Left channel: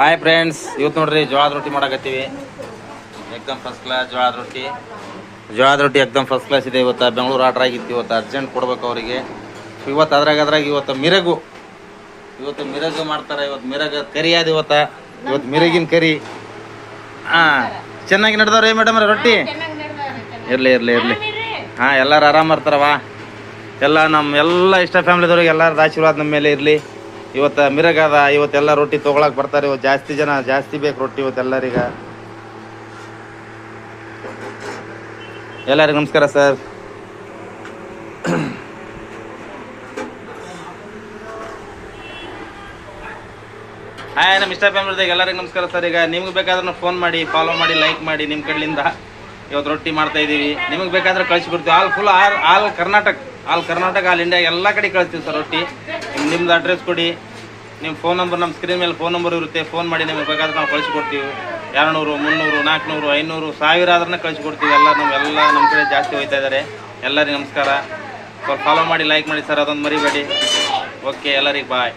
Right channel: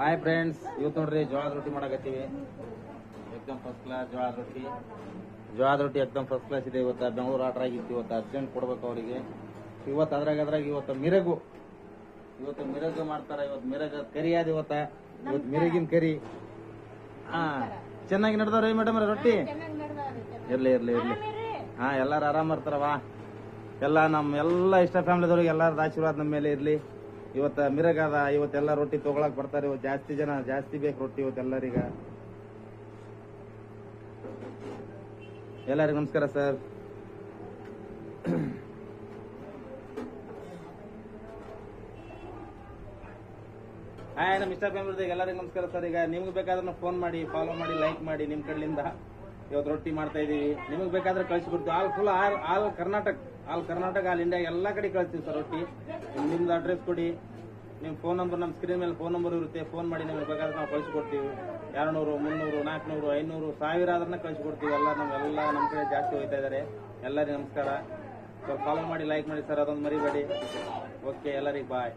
Hi friends, ಇವತ್ತು ನೋಡ್ರಿ ಜೋಳದ ರೊಟ್ಟಿ ಮಾಡಕತ್ತೀವಿ. ಎಕ್ದಮ್ ಫಸ್ಟ್ ಕ್ಲಾಸ್ ಜೋಳದ ರೊಟ್ಟಿ ಎಕ್ದಮ್ ಫಸ್ಟ್ ಕ್ಲಾಸ್ ಇದೆ. ಇವತ್ತು ಬೆಂಗಳೂರು ಆರ್ಡ್ರ್ ಆಗಿತ್ತು. ಇವತ್ತು ಅರ್ಜೆಂಟ್ ಕೊಡ್ಬೇಕು ಅವರಿಗೆ. ಇವತ್ತು ಅದ್ರಾಗ ಇವತ್ತು ಮಿರಗು ಮಾಡ್ತಾರೆ. ಇವತ್ತು ಮಿರಗ ಕರಿ ಅದು. ಇವತ್ತು ಮಿರಗಿನ ಕರಿ. ಚೆನ್ನಾಗಿ ನಡೆದವ್ರಿ ಮೇಡಮ್ ರೊಟ್ಟಿ. ಇರಲಿ ಹಾಂ, ಎಲ್ಲರೂ ಆರಾಮ ಇರ್ತಾರವ. ಎಲ್ಲ ಇಷ್ಟ ಫ್ಯಾಮಿಲಿದವ್ರಿಗೆ ಎಲ್ಲರ ಆಶೀರ್ವಾದ ನಮ್ಮ ಮೇಲೆ ಇರಲಿ. ಇವತ್ತು ಮಿರಗದ. ಇವತ್ತೆಲ್ಲ ರೊಟ್ಟಿ ತೊಗೊಳಕ್ಕೆ ಬರ್ತಾರೆ. ಇವತ್ತು ಜಾಸ್ತಿ ಬೇಕು ರೊಟ್ಟಿ ಇವತ್ತೆಲ್ಲರಿಗೆ. ಎಲ್ಲರಿಗೂ ನಮಸ್ಕಾರ ಸರ್. ಹಾಯ್, ನಮ್ಮ ಇಷ್ಟ ಫ್ಯಾಮಿಲಿದಾಗ ಎಲ್ಲರಿಗೂ ನಮಸ್ಕಾರ ಸರ್. ಈಗ ನಿಮ್ಗೆ ಬೇಕಾದ್ರೂ ಫೋನ್ ಮಾಡಿ, ಫಾಲೋ ಮಾಡಿ, ಲೈಕ್ ಮಾಡಿ. ನಿಮ್ಮ ಕಡೆಯಿಂದ ಇವತ್ತು ರೊಟ್ಟಿ ಮಾಡ್ತಾ ಇದ್ದೀವಿ. ನಿಮಗೆ ಬೇಕಾದ್ರೆ ಕಳಿಸ್ಬಿಡ್ತೀವಿ. ಆಲ್ ಕರ್ನಾಟಕ ಆಲ್ ಇಂಡಿಯಾ ಎಲ್ಲ ಕಡೆ ಕಳಿಸ್ತೀವಿ ಸರ್ ರೊಟ್ಟಿ. ನಿಮ್ದು ಅಡ್ರೆಸ್ ಕೊಡಿ, ನಿಮ್ಮ ಫೋನ್ ನಂಬರ್ ನಮ್ಮ ಸ್ಕ್ರೀನ್ ಮೇಲೆ ಫೋನ್ ನಂಬರ್ ಇರುತ್ತೆ. ಫೋನ್ ಮಾಡಿ ನಿಮಗೆ ಬೇಕಾದ್ರೆ ನಾವು ಕಳಿಸ್ಕೊಡ್ತೀವಿ. 200, 300, 400, 500, 1000 ಆದ್ರೂ ಕಳಿಸ್ಕೊಡ್ತೀವಿ. ನಮ್ಮ ಕಡೆ ಜಾಸ್ತಿ ಹೋಗ್ತಾ ಇದ್ದಾರೆ. ಎಲ್ಲರಿಗೂ ನಮಸ್ಕಾರ. ಸ್ವಲ್ಪ ಫಾಲೋ ಮಾಡಿ, ಲೈಕ್ ಮಾಡಿ ಸರ್, ಅದೊಂದು ಮರಿಬೇಡಿ. ಓಕೆ, ಎಲ್ಲರಿಗೆ ಬಾಯ್.